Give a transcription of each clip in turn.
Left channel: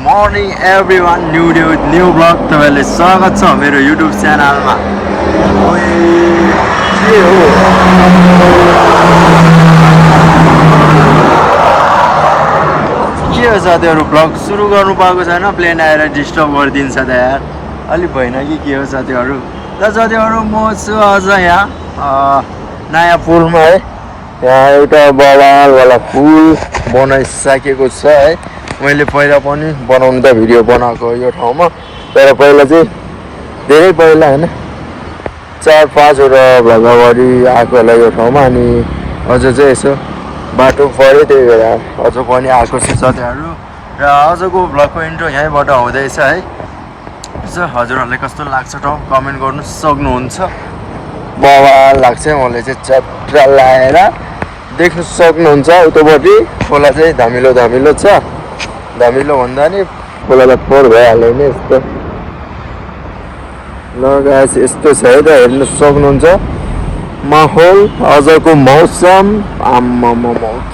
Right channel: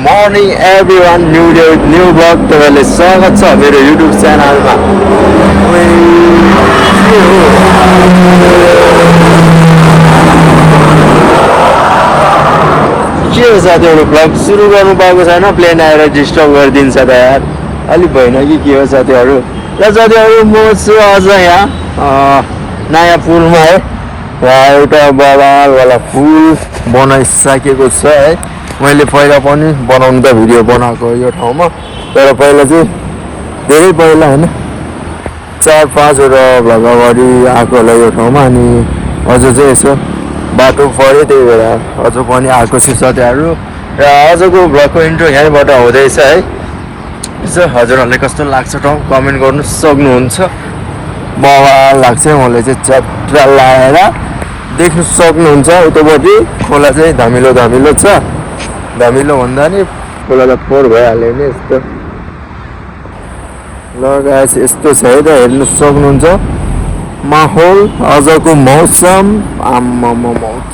morning everyone, new vlog तपाईँले स्वागत छ मेरो YouTube च्यानलमा। के हो साथीहरु, भ्लग सुरु गर्नु पाएको छैन, प्लेन आएर डिस्टर्ब गरिदिन्छ त यार, अलिक भएन कि के हो साथीहरु। र साथीहरु म छु अझ यहाँ नयाँ पुलमा है, एउटा बवालवाला पुल बनाइसकेको छ है। मैले पहिला पनि बनाउनु त भिडियो बनाएको यो ठाउँमा, तर पहिला चाहिँ धेरै पहिला हैन 4-5 वटा भ्लग अगाडि आएको होला यो ठाउँमा। अनि अझ चाहिँ यसो बाटो पऱ्यो, त्यही भएर अझ पनि आएको छु साथीहरु। र आजको भ्लगको इन्ट्रो यहीँबाट हुँदैछ है। यसो हजुरहरूलाई कस्तो लाग्छ ठाउँ कमेन्ट गर्नु सक्नुहुन्छ। लाग्छ मलाई चाहिँ चट्रा लाएर देख्नु सक्नुहुन्छ। उतापट्टि खोला चाहिँ धमिलो धमिलो छ, धमिलो भन्दा नि खोला त फोहोर भइहाल्यो नि यस्तो। ल गाइस यस्तो छ है त, हेर्नु सक्नुहुन्छ माहौल, आजको मौसम।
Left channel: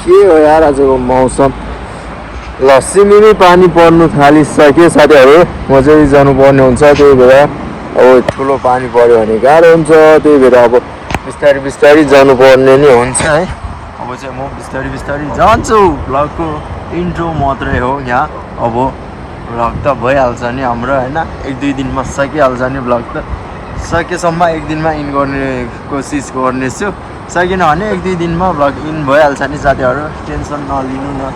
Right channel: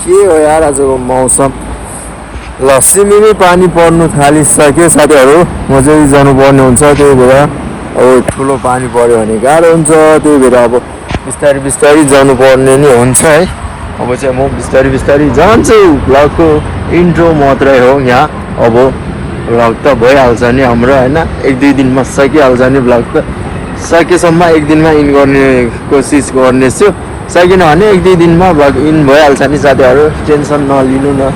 के हो यार आजको मौसम। ल सिमिमै पानी पर्नु थालिसक्यो साथीहरु, म चाहिँ जानुपर्ने हुन्छ, त्यही भएर अब ठुलो पानी पर्यो भने गाह्रो हुन्छ, त्यही भएर अब बिस्तारै बिस्तारै जानुपर्ने नै हुन्छ है। अब चाहिँ म बिस्तारै बिस्तारै जान्छु। भ्लगको इन्ट्रो मात्रै हो यहाँ, अब भ्लग त भइहाल्छ नि हाम्रो हैन, 1-2 दिनमा सकिहाल्छ नि भ्लग त। सकेसम्म 1 दिनमा इन गर्ने कोसिस गर्नेछु, सकिन भने 1-2 दिनमा भ्लग इन भइहाल्छ नि साथीहरु, टेन्सन नलिनु न।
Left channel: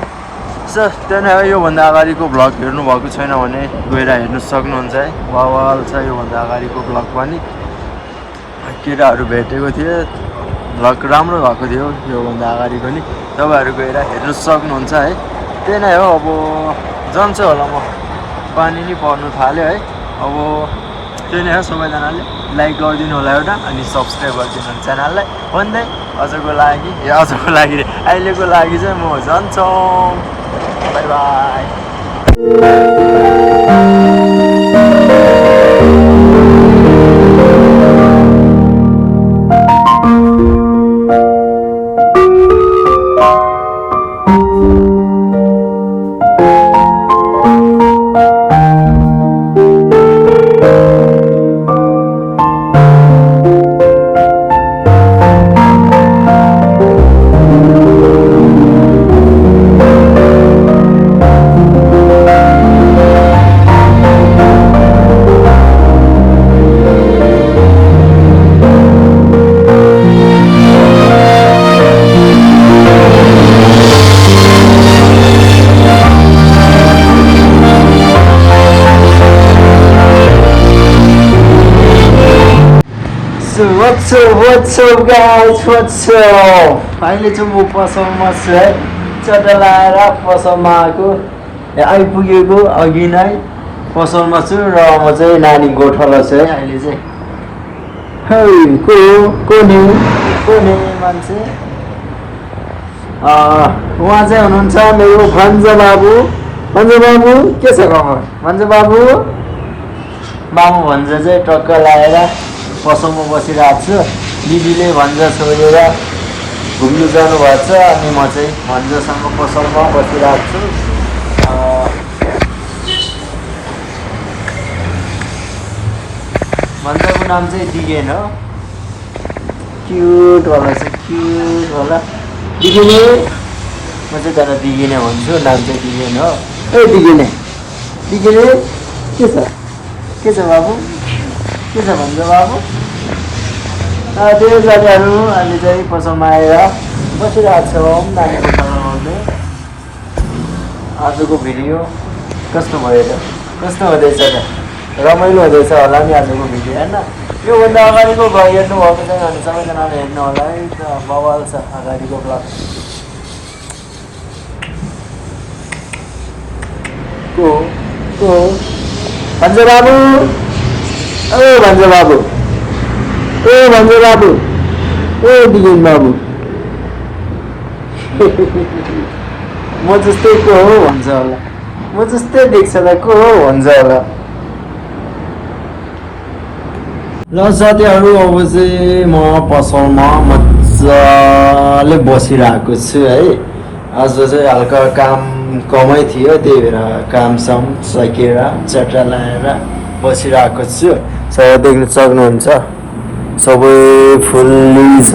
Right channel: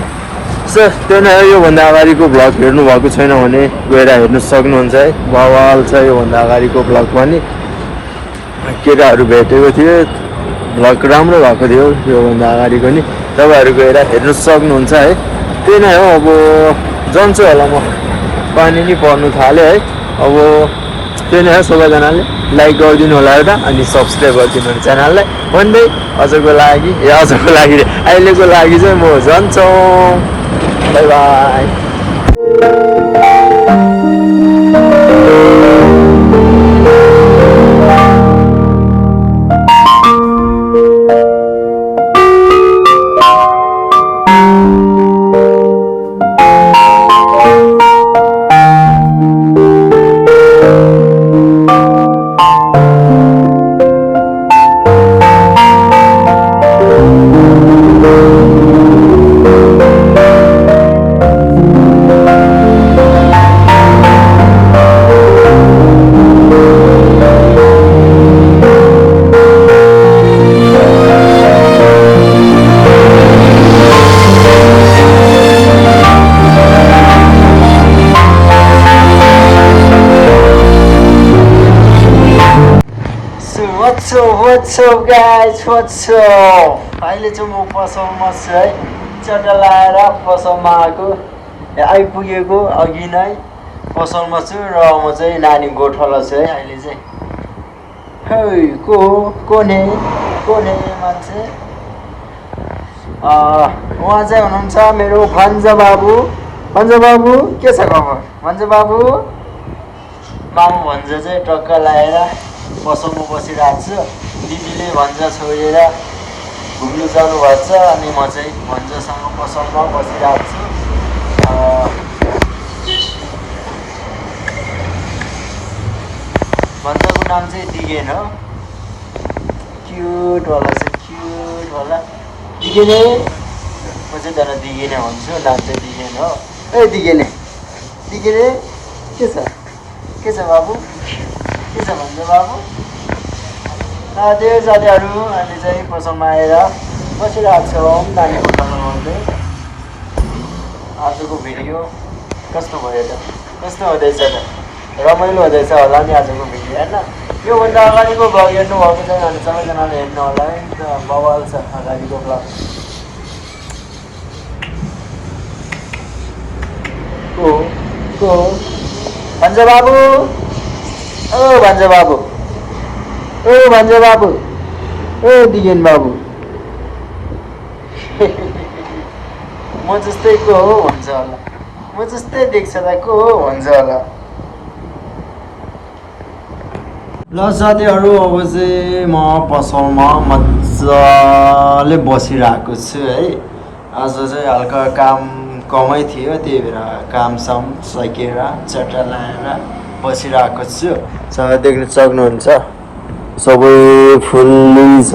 सो त्यो नै हो, योभन्दा अगाडिको भ्लग हेर्नु भएको छैन भने गएर हेर्नु सक्नुहुन्छ है। बवाल छ योभन्दा अगाडिको भ्लग पनि, केटाहरू भेटेको थियो, भ्लग राम्रो भएको थियो योभन्दा अगाडिको नि, तपाईँहरू गएर हेर्नु सक्नुहुन्छ है। त्यही नै हो, अब जान्छु होला म, पानी नि पर्नु थाल्यो है। अब त्यही नै हो, सबैजनाले लाइक गरिदिनु होला एउटा, अनि सब्सक्राइब गरिदिनु होला च्यानललाई भन्दै अहिलेको लागि अहिलेको लागि चाहिँ म जान्छु। By by. What's up guys, what's up? अहिले चाहिँ म पसलमा छु है, चट्टा लाएर पसलमा आइपुगेको अघि नै पसलमा छु। र म चाहिँ नानी गोठाला छु है अहिले चाहिँ। को नि मान्छे, उहाँ चाहिँ हुनुहुन्छ मेरो भन्छ बाबु। भन्छ बाबु के छ खबर? भन्छ बाबु भन्छ चाहिँ टक्क लाएर पसलमा बसिरहेको छु। दिदीले भन्छ छोडेर घुम्नु जानुभएको छ, अनि म चाहिँ भन्छसँग पसलमा बसिरहेको छु। भन्छको नाम चाहिँ दिगेन हो, क्युट होला चाहिँ, क्युट होला दिगेने। म चाहिँ तर दिगेने भन्छु, नाम चाहिँ दिगेन हो। ए दिगेने के छ बाबु, के छ भन्छ बाबु। त्यही साथीहरू अहिले चाहिँ पसलमा आएर बसिरहेको छौँ नानीको खाना बनाउँदै। आजको भिडियो कस्तो भयो त, कस्तो हुँदैछ त, रमाइलो हुँदैछ होला नि आजको भिडियो होइन। योभन्दा अगाडिको भ्लग हेर्नु भएको छैन भने सबैजनाले हेर्नु होला है त, बवाल छ अगाडिको भ्लग। को भन्छ बाबु, भन्छ बाबु, भन्छ बाबु, दिगेन बाबु। म जस्तै को हो भन्छ होला, म जस्तै देख्छ त को हो भन्छ होला। ल साथीहरू अब चाहिँ म पसलमा मजाले बसिरहेको छु है। आज चाहिँ हल्का काम कमै थियो, त्यही भएर कामसाम सकेर चट्टा लाएर बसिरहेको छु। सबै देख्न सक्नुहुन्छ सबै फुल्लै छ।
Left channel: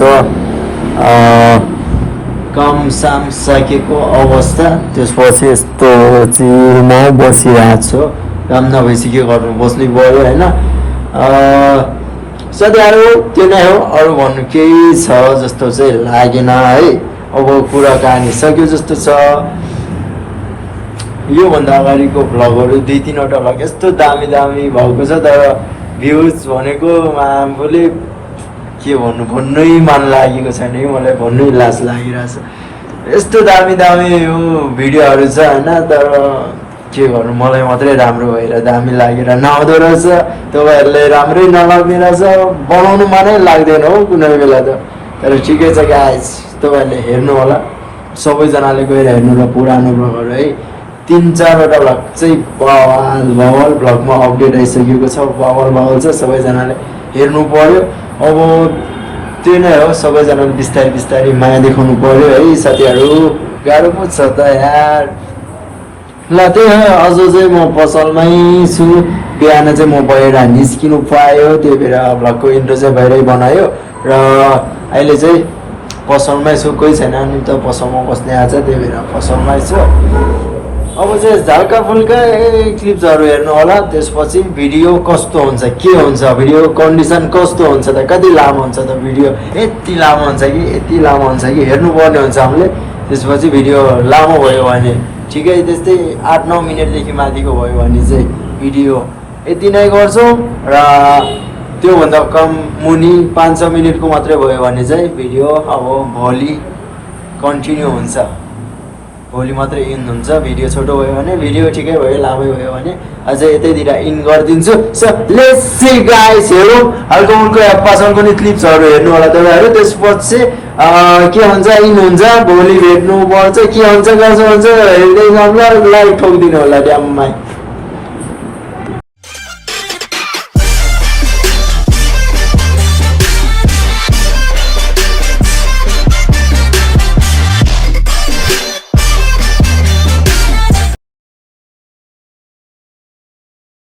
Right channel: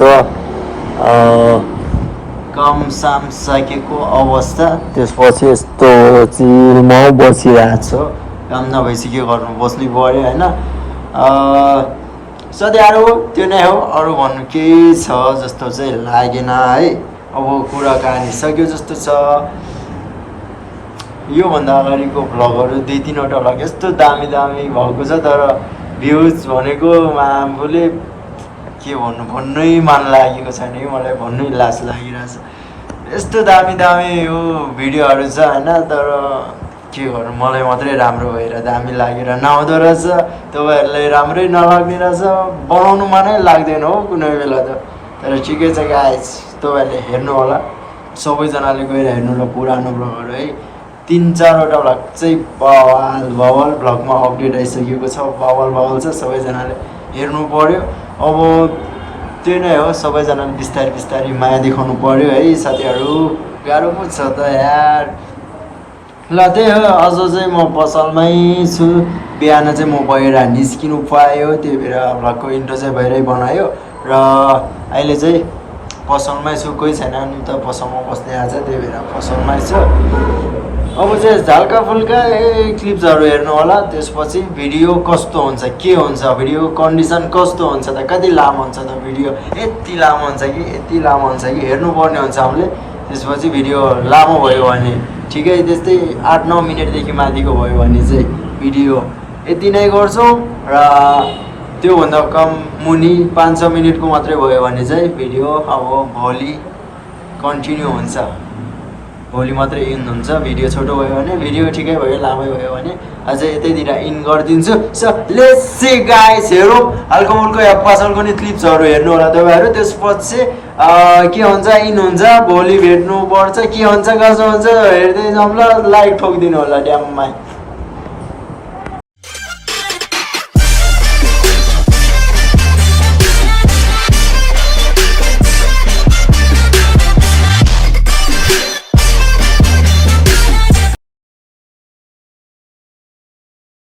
कामसाम सकेको अवस्था, त्यसपछि यस्तो चिलमा बसिरहेको छु। काम नभएपछि के गर्नु, बस्नै पऱ्यो होइन। साथीहरू त्यो नै हो, अरू भन्नु केही छ जस्तो चाहिँ लागेन है। अब कुरा कहानी सक्यो जस्तो छ। योभन्दा अगाडिको भ्लगहरू 2-3वटा भ्लग यस्तो दामी दामी भएको छ, तर भ्युज भनेको आफूले के भन्नु, भन्नै मन लागेको छैन कि मलाई, भन्नै लाज लागिरहेछ। यस्तो दामी दामी यो भिडियोहरू छ होइन, तर के गर्नु, मलाई मात्रै राम्रो भएर दामी लागेर नआउँदो रहेछ। तपाईँहरूलाई राम्रै नलाग्ने रहेछ, बनाउनु मनै लाग्दैन हो कुनै बेला त। तर ठिकै छ गाइज, तपाईँहरूले हेर्नु होला, सबैजनाले गएर हेर्नु र पुरानो भ्लगहरू है। 3-4वटा भ्लग चाहिँ बवाल भ्लगमा अपडेट आइसकेको छ, बवाल छ, सबैजनाले हेर्नु पर्यो। अब त्यो नै हो, सबैजनाले बिस्तारै बिस्तारै माया देखाउनु पर्यो है साथीहरू। गाह्रो पो छ त यार। ल त्यही हो, अझ चाहिँ म पसलमै छु। बिहान चाहिँ म बाहिर निस्किनु पायो, त्यही भएर भ्लगको इन्ट्रो चाहिँ बाहिरै बनायो। र अहिले चाहिँ पसलमै छु, कोही छैन नि त पसलमा बस्ने आज, त्यही भएर पसलमै छु। अब चाहिँ झल्का फुल्का क्लिप्सहरू हेर्नु होला, त्यसपछि भिडियो कस्तो हुन्छ, के हुन्छ, भिडियो कन्डिसन कस्तो हुन्छ त, कति लामो हुन्छ त भिडियो, यति लामो हुन्छ कि यति लामो हुन्छ कि हेर्नुपर्ने हुन्छ हामीले। त्यसपछि भिडियो लामो भयो भने ठिकै, त्यस्तै 8-9 मिनटदेखि माथिको भयो भने चाहिँ भिडियो यति नै गर्छु। र त्योभन्दा कम मुनि 500 मिनटको मात्रै भयो भने चाहिँ भिडियो अब भोलि कन्टिन्यू हुन्छ, भोलि मात्रै इन हुन्छ। भिडियो छोटो भयो भने, भिडियो ठिकै भयो, लामै भयो भने अझै यतैतिर इन गरिदिन्छु। सो लेट्स सी गाइस, हेरौँ हल्को मुल्को या पसलको नि क्लिप्सहरू हेर्नु होला तपाईँहरू। त्यसपछि के हुन्छ, इन हुन्छ, भोलि भेट्नु पर्छ, के हुन्छ कसो हुन्छ हेर्दै जाउँला। लाइक ठोकिदिनु होला ड्याममा।